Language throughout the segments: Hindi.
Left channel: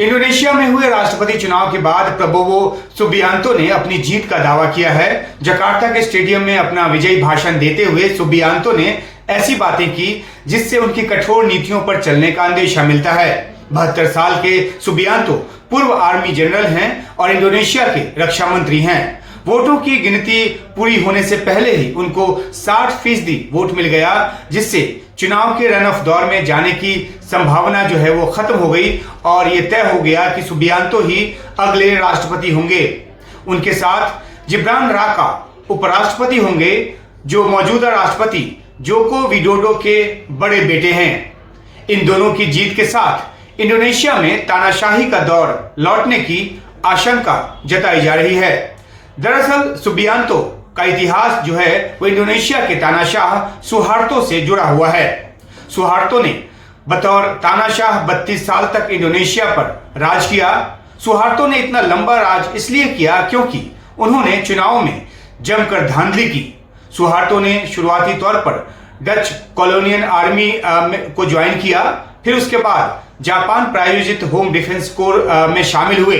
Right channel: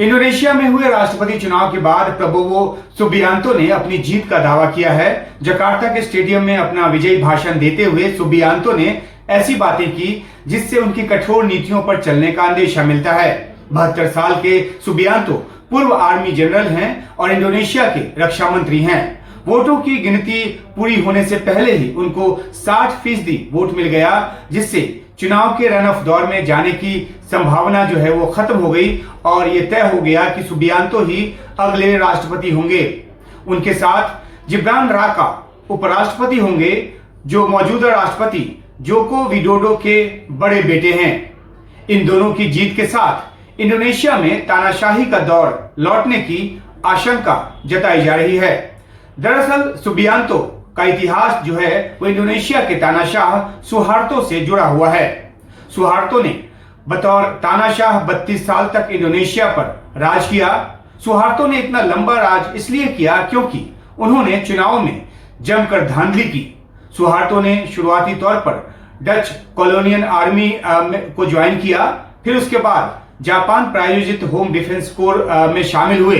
इंडोनेशिया में हुए राष्ट्रपति चुनाव के बाद प्रबोवो सुबियांतो ने अपनी जीत का दावा किया है। जकार्ता के स्टेडियम में अपना विजयी भाषण देते हुए सुबियांतो ने ऐसी बातें की जिससे उनकी कठोर नीतियों पर चलने का अंदेशा मिलता है। 72 साल के सुबियांतो पूर्व आर्मी जनरल हैं और इंडोनेशिया के रक्षा मंत्री हैं। वोटों की गिनती पूरी होने से पहले ही उनको 60% वोट मिल गया, जिससे चुनाव के रन ऑफ दौर में जाने की संभावना जो है वो खत्म हो गई और ये तय हो गया कि सुबियांतो ही अगले राष्ट्रपति होंगे। उनके साथ जिब्रान राका उपराष्ट्रपति होंगे, जो मौजूदा राष्ट्रपति जोको विडोडो के बड़े बेटे हैं। इन दोनों की जीत के साथ इंडोनेशिया में तानाशाही का दौर लौटने की आशंका जताई जा रही है। दरअसल सुबियांतो का इतिहास जो है वो इंडोनेशिया के तानाशाह सुहार्तो से जुड़ा हुआ है। सुहार्तो ने बतौर तानाशाह 32 साल तक इंडोनेशिया पर राज किया। सुहार्तो ने इतना लंबा राज इसलिए किया क्योंकि उन्होंने चुनाव में जमकर धांधली की। सुहार्तो ने शुरुआती तौर पर डच कॉलोनियल आर्मी को ज्वाइन किया, फिर उसके बाद जापान प्रायोजित होम डिफेंस कोर में शामिल हुए।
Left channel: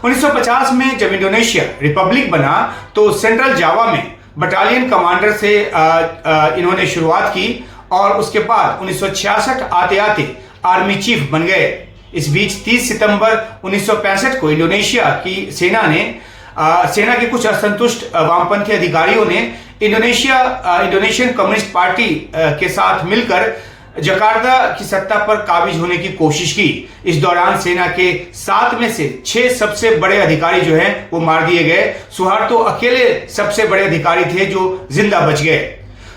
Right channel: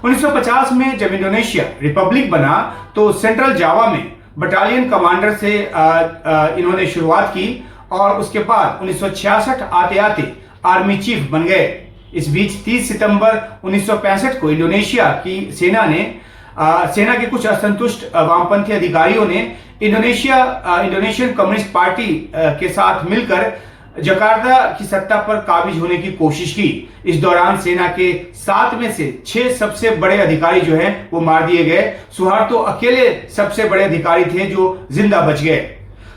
1950 में जब इंडोनेशिया रिपब्लिक बना तो सेंट्रल जावा में बटालियन कमांडर से इन्होंने शुरुआत की और उसके बाद 1966 आते आते आर्मी चीफ बन गए। इस बीच 30 सितंबर 1965 को इंडोनेशिया की सेना के कुछ असंतुष्ट वामपंथी अधिकारियों ने इंडोनेशियन कम्युनिस्ट पार्टी के साथ मिलकर जकार्ता की सत्ता पर काबिज होने की कोशिश की। इस दौरान सेना के 7 में से 6 सबसे बड़े अधिकारी जो हैं वो मार दिए गए। सुहार्तो अकेले सबसे बड़े अधिकारी थे जो जिंदा बच गए।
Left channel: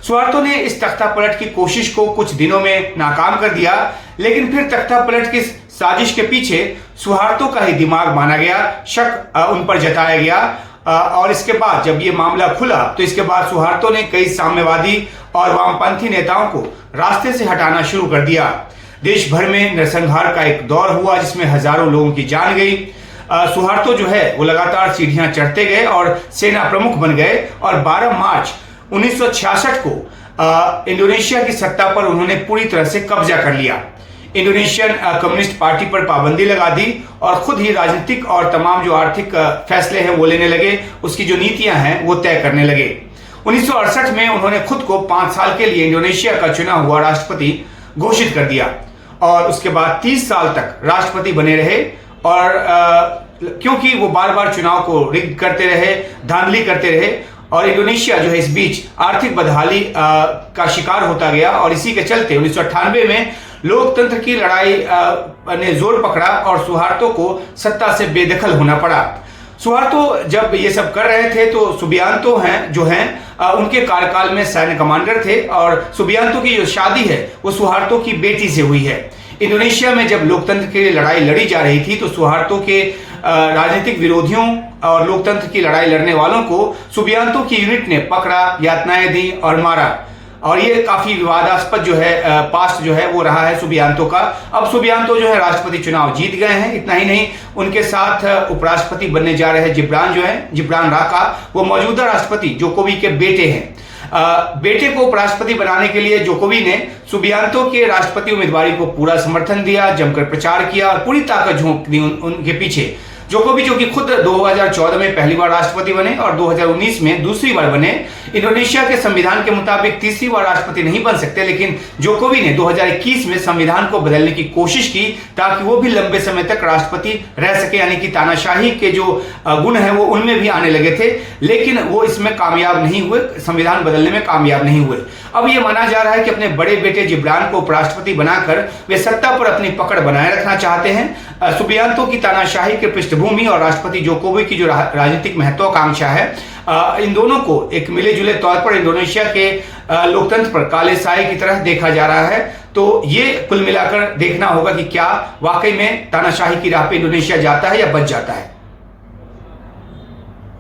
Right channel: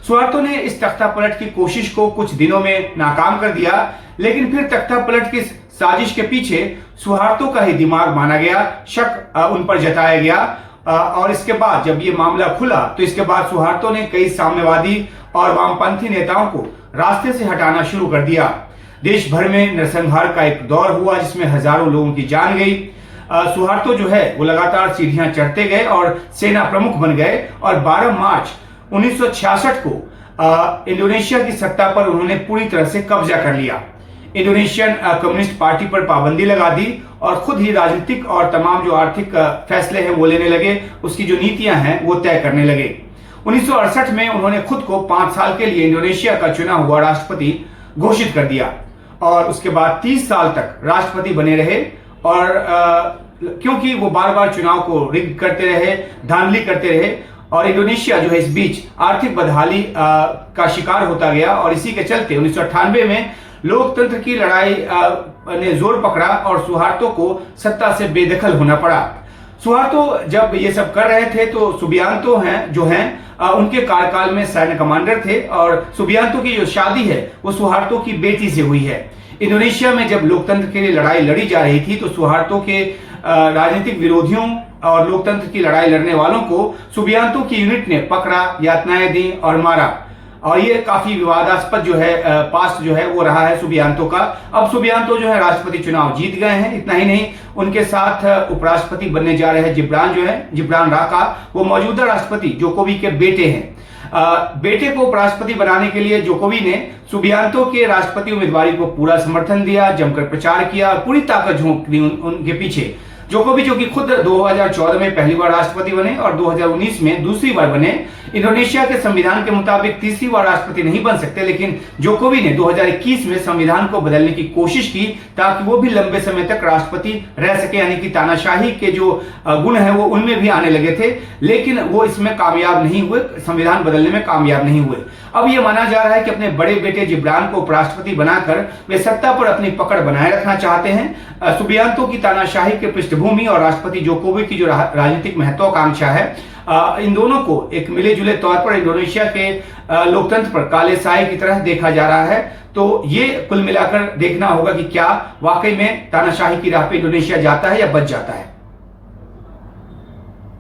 सुहार्तो ने इस तख्ता पलट की कोशिश को कुछ दिनों में नाकाम कर दिया, लेकिन फिर तख्ता पलट की साजिश के पीछे सुहार्तो का ही दिमाग माना गया, शक उन पर जताया गया और इसके बाद जब ये मामला खुला तो इसके बाद सुहार्तो ने कई साम्यवादी और वामपंथी नेताओं को रास्ते से हटाना शुरू कर दिया। देश भर में नरसंहार का एक दौर हुआ जिसमें हजारों लोगों की जान गई। सुहार्तो जो है वो लगातार सीढ़ियां चढ़ते गए और सेना प्रमुख बन गए और 12 मार्च 1966 को इंडोनेशिया की सत्ता पर उन्होंने पूरी तरह से कब्जा कर लिया। इंडोनेशियन कम्युनिस्ट पार्टी पर पाबंदी लगा दी और खुद ही राजनीतिक और तमाम जो आर्थिक फैसले हैं वो लेने लगे, उसकी जो नीतियां हैं वो तय करने लगे। 1968 में उन्होंने खुद को 5 साल के लिए इंडोनेशिया का चुना हुआ राष्ट्रपति घोषित कर दिया और उसके बाद 30 साल तक राष्ट्रपति बने रहे और क्योंकि वो बार बार चुनाव को रिग्ड करते रहे, धांधली करते रहे और इंडोनेशिया जो है इस बीच आर्थिक बदहाली का शिकार होता गया और इसी के चलते 1998 में लोकतंत्र की लड़ाई ने जोर पकड़ा और सुहार्तो को सत्ता से बेदखल होना पड़ा। सुहार्तो जब ये सब कर रहे थे तो सुबियांतो उनके कार्यकाल में सैन्य कमांडर थे और सुबियांतो की जो शादी है वो सुहार्तो की बेटी से हुई है। इंडोनेशिया में जब लोकतंत्र के लिए लड़ाई लड़ी जा रही थी तो सुहार्तो के राजनीतिक विरोधियों और लोकतंत्र की लड़ाई लड़ने वालों को सुबियांतो की यूनिट ने पकड़ा, यातनाएं दी और मारा और ये काफी विवादास्पद जो है पास्ट जो है वो रहा है सुबियांतो का। अब सुबियांतो जो है राष्ट्रपति चुनाव जीत गए हैं। इतना ही नहीं, उनके साथ उपराष्ट्रपति बनने जा रहे हैं जिब्रान राका, वो मौजूदा राष्ट्रपति जोकोवी के बेटे हैं। बेटे को उपराष्ट्रपति बनाने के लिए जोकोवी ने सुबियांतो के राष्ट्रपति उम्मीदवारी को पूरा समर्थन दिया, जमकर प्रचार किया और पूरी ताकत झोंक दी उनके पीछे। जोकोवी जो कि खुद 2014 में पहली बार राष्ट्रपति बने और 2019 में दूसरी बार बने। इंडोनेशिया के संविधान के मुताबिक तीसरी बार राष्ट्रपति नहीं बन सकते, लेकिन जोकोवी ने 2021 में संविधान को बदलने की कोशिश की ताकि वो भी लंबे समय तक राष्ट्रपति रह सके, यानी कि तानाशाही के जो गुण है वो उनमें भी आने लगे थे, लेकिन वो इसमें कामयाब नहीं हुए, संविधान बदलने में कामयाब नहीं हुए। अब ये माना जा रहा है कि अपने बड़े बेटे जिब्रान को उपराष्ट्रपति बनाकर वे सत्ता पर अपनी पकड़ बनाए रखना चाहते हैं। सुबियांतो की तानाशाही के पृष्ठभूमि और राष्ट्रपति जोकोवी की जो राजनीतिक महत्वाकांक्षा है, इन दोनों को एक मिले जुले तौर पर इंडोनेशिया के लोकतंत्र पर काले साए की तरह देखा जा रहा है। तो ये कुल मिलाकर देखना होगा कि क्या वाकई में तानाशाही की राह पे इंडोनेशिया जाता है या बच जाता है।